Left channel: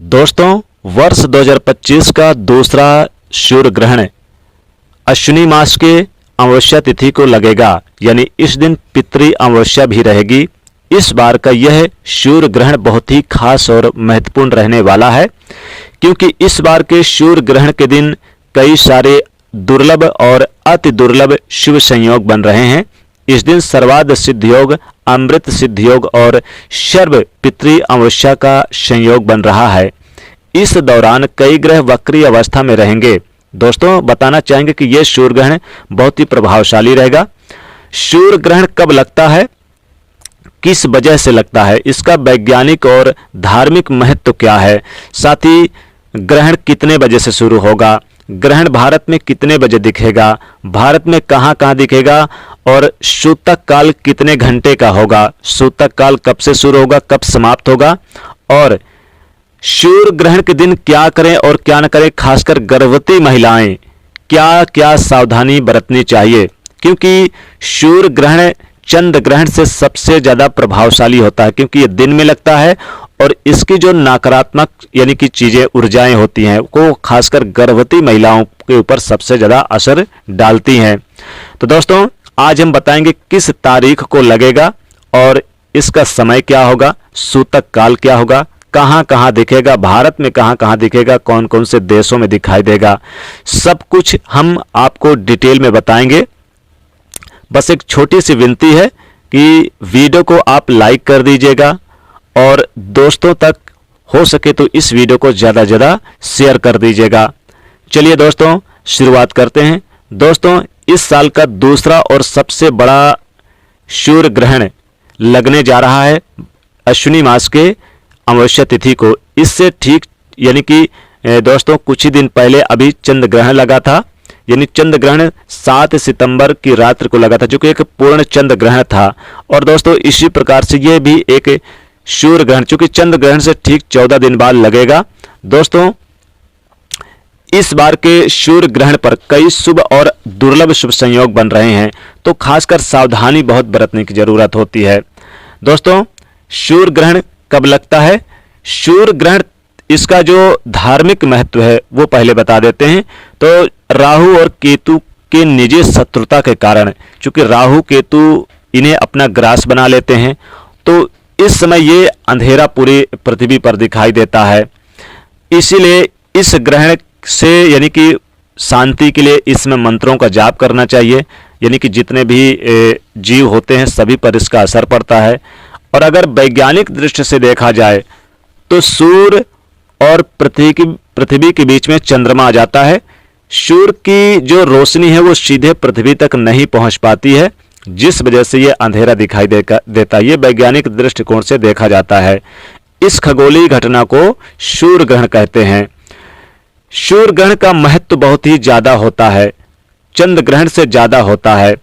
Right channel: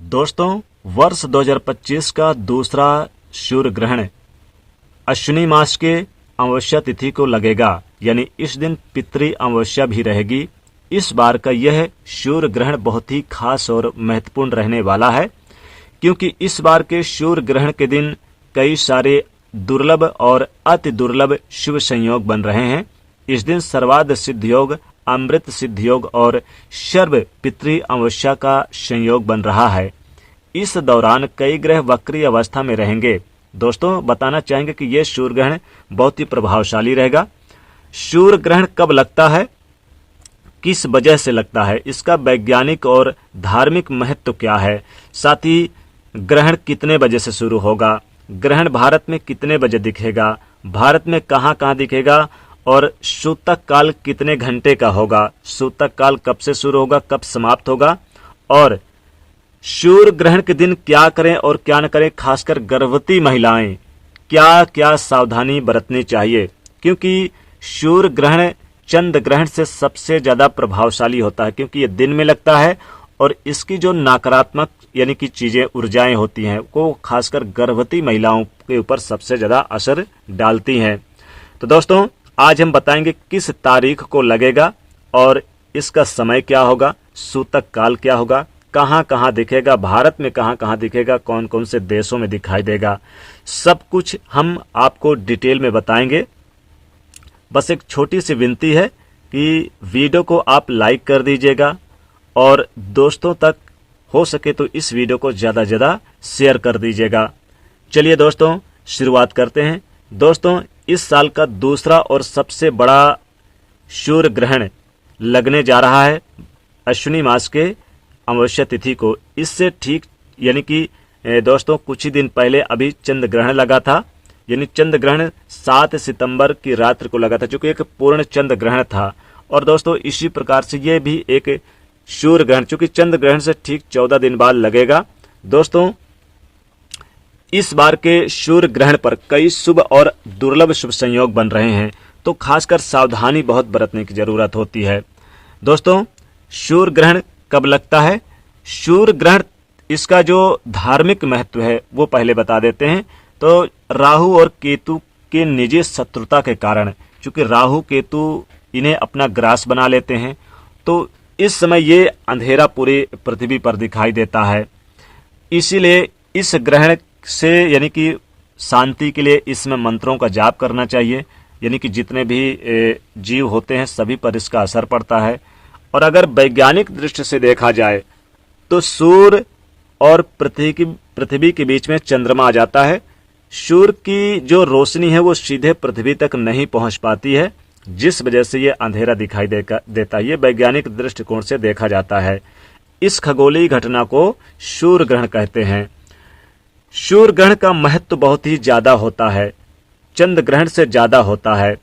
दोस्तों, वर्ष 2025 का दूसरा सूर्य ग्रहण अश्विनी मास के अमावस्या तिथि को लगेगा, यानी इस दिन पितृ अमावस्या भी रहेगी। इस बार का यह सूर्य ग्रहण बहुत ही खास और महत्वपूर्ण रहने वाला है, क्योंकि इस बार के सूर्य ग्रहण के दिन कई सारे दुर्लभ और अति दुर्लभ शुभ संयोग बन रहे हैं। इस दिन सर्वार्थ सिद्ध योग, अमृत सिद्ध योग और सर्व पितृ अमावस्या का संयोग बन रहा है। इस दौरान कई ग्रह वक्री अवस्था में रहेंगे। दोस्तों, बताना चाहेंगे कि यह सूर्य ग्रहण बहुत ही प्रभावशाली रहेगा। सूर्य ग्रहण कब लगता है, किस वजह से लगता है, इसका वैज्ञानिक और धार्मिक महत्व क्या है, साथ ही ग्रहण कितने बजे से शुरू होगा, ग्रहण भारत में कितने बजे दिखेगा, भारत में कहां कहां दिखेगा और सूतक काल कितने घंटे का होगा, सूतक काल कब से शुरू होगा, कब समाप्त होगा, और सूर्य ग्रहण के दिन क्या करें और क्या न करें, खासकर गर्भवती महिलाएं क्या क्या सावधानी बरतनी चाहिए, क्योंकि सूर्य ग्रहण चंद्र ग्रहण से सबसे ज्यादा प्रभावशाली होता है, क्योंकि ये दिन में लगता है और इसकी जो नकारात्मक यानी कि चीजें ऊर्जाएं होती हैं वो खासकर गर्भवती महिलाओं के ऊपर सबसे ज्यादा असर डालती हैं। तो दोस्तों, आज हम बताएंगे किस तारीख को लगेगा और इसका समय क्या होगा, सूतक काल क्या होगा, कहां कहां दिखेगा, भारत में कहां कहां दिखेगा, कौन कौन से देशों में दिखाई देगा, सब कुछ हम आपको डिटेल में बताएंगे। बस एक छोटी सी विनती है कि वीडियो को आप लाइक कर दीजिएगा और दोस्तों तक हो सके तो इस वीडियो को ज़्यादा से ज़्यादा शेयर कर दीजिएगा। चलिए दोस्तों, शुरुआत करते हैं। दोस्तों, इस साल का दूसरा और सबसे बड़ा सूर्य ग्रहण लगने जा रहा है अश्विनी मास के अमावस्या तिथि को। इससे ठीक यानी कि दोस्तों कुछ ही दिन पहले अभी चंद्र ग्रहण लगा था, यानी चंद्र ग्रहण 7 सितंबर की रात्रि को लगा था, जो कि एक पूर्ण चंद्र ग्रहण था। और दोस्तों, इसी प्रकार से ये भी एक सूर्य ग्रहण चूंकि चंद्र ग्रहण से ठीक 14 दिन बाद लगेगा। दोस्तों, इस बार के सूर्य ग्रहण पर कई शुभ और दुर्लभ शुभ संयोग बन रहे हैं, तो खासकर सावधानी बहुत बरतने की जरूरत होती है। दोस्तों, सूर्य ग्रहण कब लगता है, सूर्य ग्रहण इसका जो धार्मिक महत्व है वो पहले बता देते हैं। तो राहु और केतु के निजी शत्रुता के कारण, चूंकि राहु केतु इन्हें अपना ग्रास बना लेते हैं, तो इस समय ये अंधेरा पूरी पृथ्वी पर दिखाई देता है। इसीलिए इस ग्रहण से यानी कि शांति के लिए इसमें मंत्रों का जाप करना चाहिए, यानी कि जितने भी जीव होते हैं सभी पर इसका असर पड़ता है। और अगर वैज्ञानिक दृष्टि से देखा जाए तो सूर्य और पृथ्वी के बीच में चंद्रमा आ जाता है। सूर्य की जो रोशनी है वो सीधे पृथ्वी तक नहीं पहुंच पाती है, जिस वजह से ये अंधेरा दिखाई देता है। ये वैज्ञानिक दृष्टिकोण से देखा जाता है। इस खगोलीय घटना को सूर्य ग्रहण कहते हैं। सूर्य ग्रहण का महत्व बहुत ही ज्यादा होता है, चंद्र ग्रहण से ज्यादा होता है।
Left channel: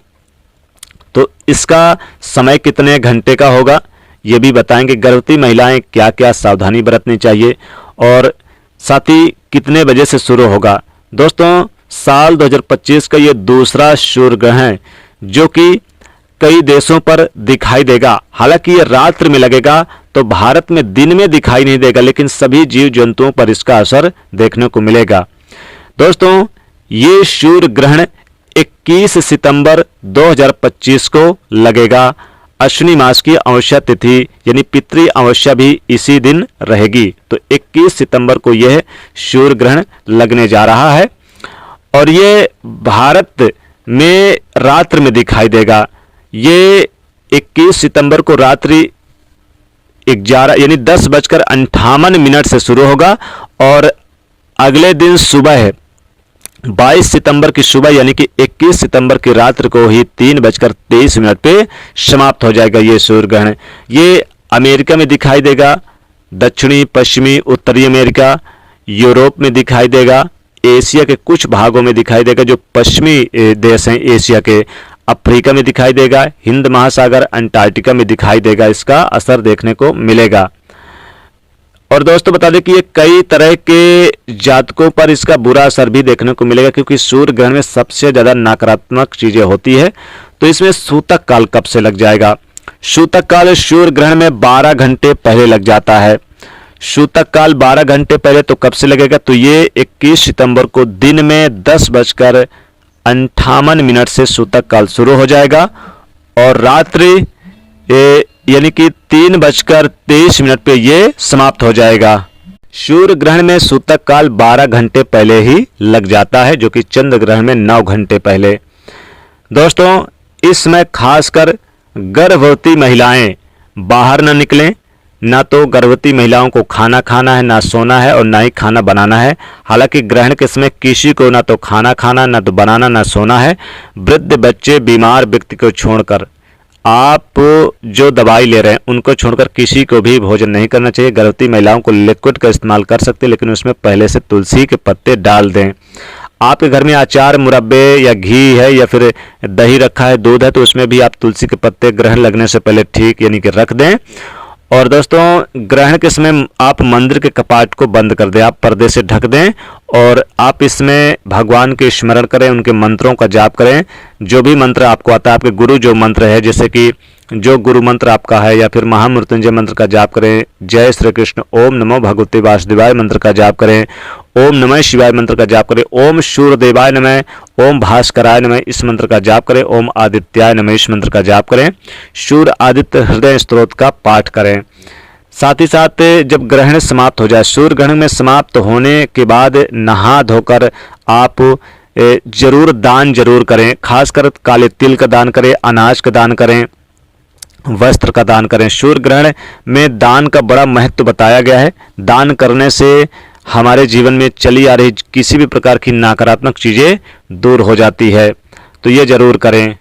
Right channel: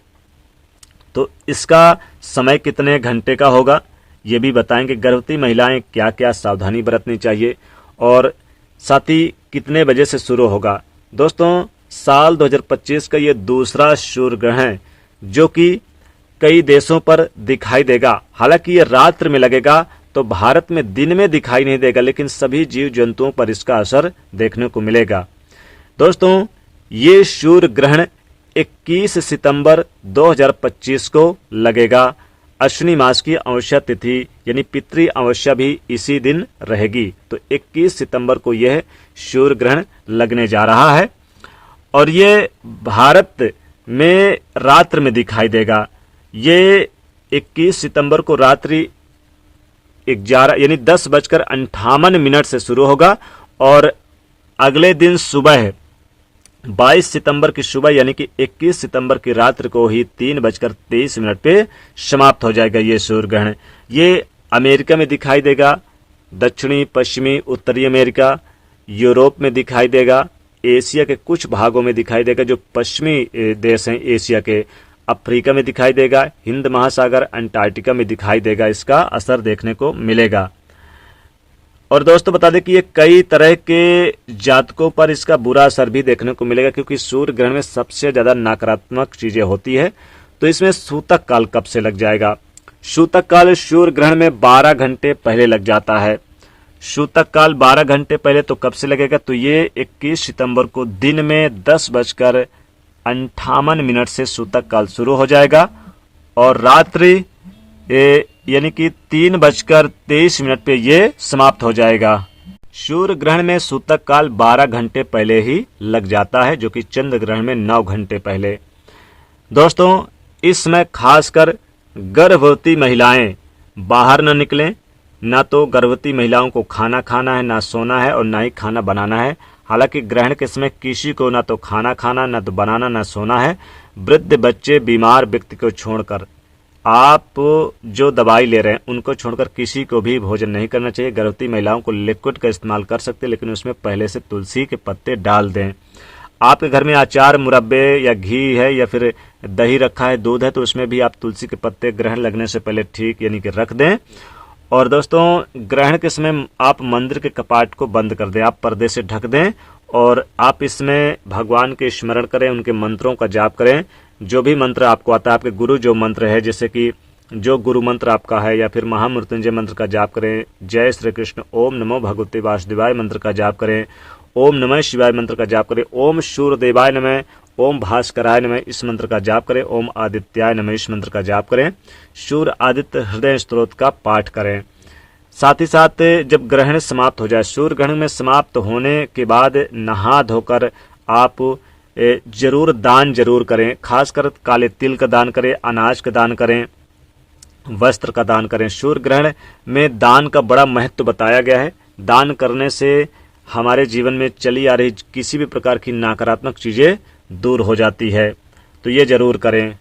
तो इसका समय कितने घंटे का होगा ये भी बताएंगे। गर्भवती महिलाएं क्या क्या सावधानी बरतनी चाहिए और साथ ही कितने बजे से शुरू होगा। दोस्तों, साल 2025 का ये दूसरा सूर्य ग्रहण जो कि कई देशों पर दिखाई देगा। हालांकि ये रात्रि में लगेगा तो भारत में दिन में दिखाई नहीं देगा, लेकिन सभी जीव जंतुओं पर इसका असर देखने को मिलेगा। दोस्तों, ये सूर्य ग्रहण 21 सितंबर 2025 को लगेगा। अश्विनी मास की अमावस्या तिथि यानी पितृ अमावस्या भी इसी दिन रहेगी। तो 21 सितंबर को यह सूर्य ग्रहण लगने जा रहा है और ये भारत में रात्रि में दिखाई देगा। ये 21 सितंबर को रात्रि 11 यानी 10:58 से शुरू होगा और अगले दिन सुबह 22 सितंबर की सुबह यानी कि 21 सितंबर की रात्रि को ही 3:23 पे समाप्त हो जाएगा ये सूर्य ग्रहण। ये अमेरिका में दिखाई देगा, दक्षिणी पश्चिमी उत्तरी अमेरिका, यूरोप में दिखाई देगा, एशिया के कुछ भागों में दिखाई देगा जो पश्चिमी देश हैं एशिया के, अफ्रीका में दिखाई देगा, हिंद महासागर अंटार्कटिका में दिखाई देगा, इसका असर देखने को मिलेगा। और दोस्तों, बता दें कि ये कई तरह के जातकों पर इसका बुरा असर भी देखने को मिलेगा, क्योंकि सूर्य ग्रहण में सबसे ज्यादा नकारात्मक चीजें होती है। तो इसमें सूतक काल कब से लग जाएगा, सूतक काल सूर्य ग्रहण में 12 घंटे पहले लग जाता है। सूतक काल 12 घंटे पहले तो कब से लगेगा, तो ये 21 सितंबर को दिन में 10:58 से सूतक काल शुरू हो जाएगा और रात्रि यानी कि 3:23 पे ये समाप्त हो जाएगा। सूर्य ग्रहण में सूतक काल 12 घंटे पहले ही लग जाता है, जो कि चंद्र ग्रहण में 9 घंटे पहले। दोस्तों, इस समय खासकर गर्भवती महिलाएं बाहर न निकलें। ना तो गर्भवती महिलाओं को खाना खाना है, ना सोना है और ना ही खाना बनाना है। हालांकि ग्रहण के समय किसी को ना तो खाना खाना, ना तो बनाना, ना सोना है। वृद्ध, बच्चे, बीमार व्यक्ति को छोड़कर, आप जो दवाई ले रहे हैं उनको छोड़कर किसी को भी भोजन नहीं करना चाहिए। गर्भवती महिलाओं को लिक्विड का इस्तेमाल कर सकते हैं, लेकिन उसमें पहले से तुलसी के पत्ते डाल दें। आपके घर में अचार, मुरब्बे या घी है या फिर दही रखा है, दूध है, तो उसमें भी आप तुलसी के पत्ते ग्रहण लगने से पहले ठीक यानी कि रख दें। और दोस्तों, ग्रहण के समय आप मंदिर के कपाट को बंद कर दें, आप पर्दे से ढक दें और आप इसमें भगवान के स्मरण करें, उनके मंत्रों का जाप करें। जो भी मंत्र आपको आता है, आपके गुरु जो मंत्र है, जैसे कि जो गुरु मंत्र आपका है, या फिर महामृत्युंजय मंत्र का जाप करें, जय श्री कृष्ण, ओम नमो भगवते वासुदेवाय मंत्र का जाप करें, ओम नमः शिवाय मंत्र का जाप करें, ओम सूर्यदेवाय नमः, ओम भास्कराय नमः इस मंत्र का जाप करें, ओम आदित्याय नमः इस मंत्र का जाप करें, सूर्य आदित्य हृदय स्तोत्र का पाठ करें। साथ ही साथ जब ग्रहण समाप्त हो जाए, सूर्य ग्रहण में समाप्त होने के बाद नहा धोकर आप जरूर दान जरूर करें। खासकर काले तिल का दान करें, अनाज का दान करें, वस्त्र का दान करें। सूर्य ग्रहण में दान का बड़ा महत्व बताया गया है। दान करने से हमारे जीवन में चली आ रही किसी भी प्रकार की नकारात्मक चीज़ें दूर हो जाती है, तो ये जरूर करें।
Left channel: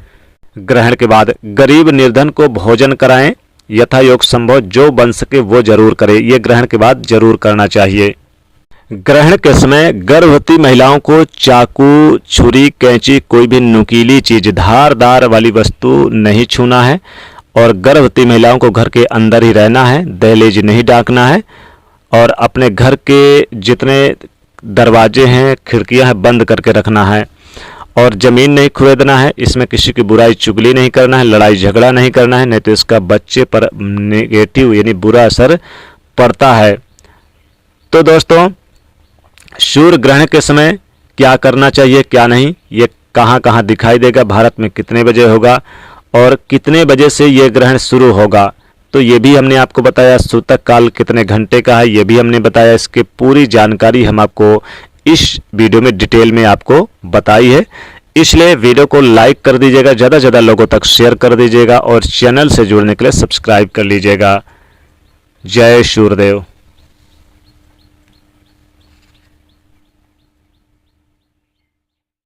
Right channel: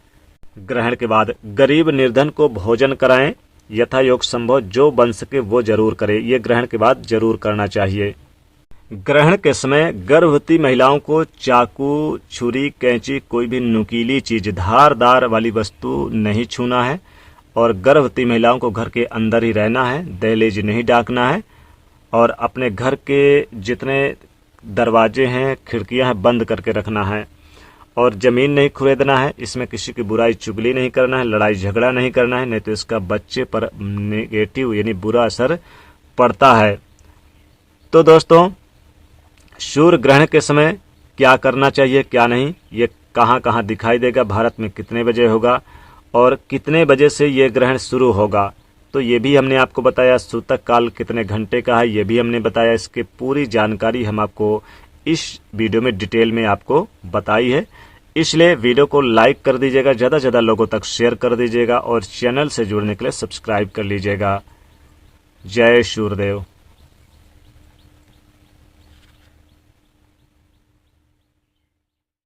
ग्रहण के बाद गरीब निर्धन को भोजन कराएं, यथा योग संभव जो बन सके वो जरूर करें। ये ग्रहण के बाद जरूर करना चाहिए। ग्रहण के समय गर्भवती महिलाओं को चाकू, छुरी, कैंची, कोई भी नुकीली चीज, धारदार वाली वस्तु नहीं छूना है और गर्भवती महिलाओं को घर के अंदर ही रहना है, दहलीज नहीं डाकना है और अपने घर के जितने दरवाजे हैं, खिड़कियां हैं, बंद करके रखना है और ज़मीन नहीं खुरेदना है। इसमें किसी की बुराई चुगली नहीं करना है, लड़ाई झगड़ा नहीं करना है, नहीं तो इसका बच्चे पर नेगेटिव यानी बुरा असर पड़ता है। तो दोस्तों, सूर्य ग्रहण के समय क्या करना चाहिए, क्या नहीं, ये कहाँ कहाँ दिखाई देगा, भारत में कितने बजे होगा और कितने बजे से ये ग्रहण शुरू होगा, तो ये भी हमने आपको बताया। सूतक काल कितने घंटे का है, ये भी हमने बताया। इसकी पूरी जानकारी हम आपको इस वीडियो में डिटेल में आपको बताई है। इसलिए वीडियो को लाइक कर दीजिएगा, ज़्यादा से ज़्यादा लोगों तक शेयर कर दीजिएगा और चैनल से जुड़ने के लिए सब्सक्राइब कर लीजिएगा। जय सूर्यदेव।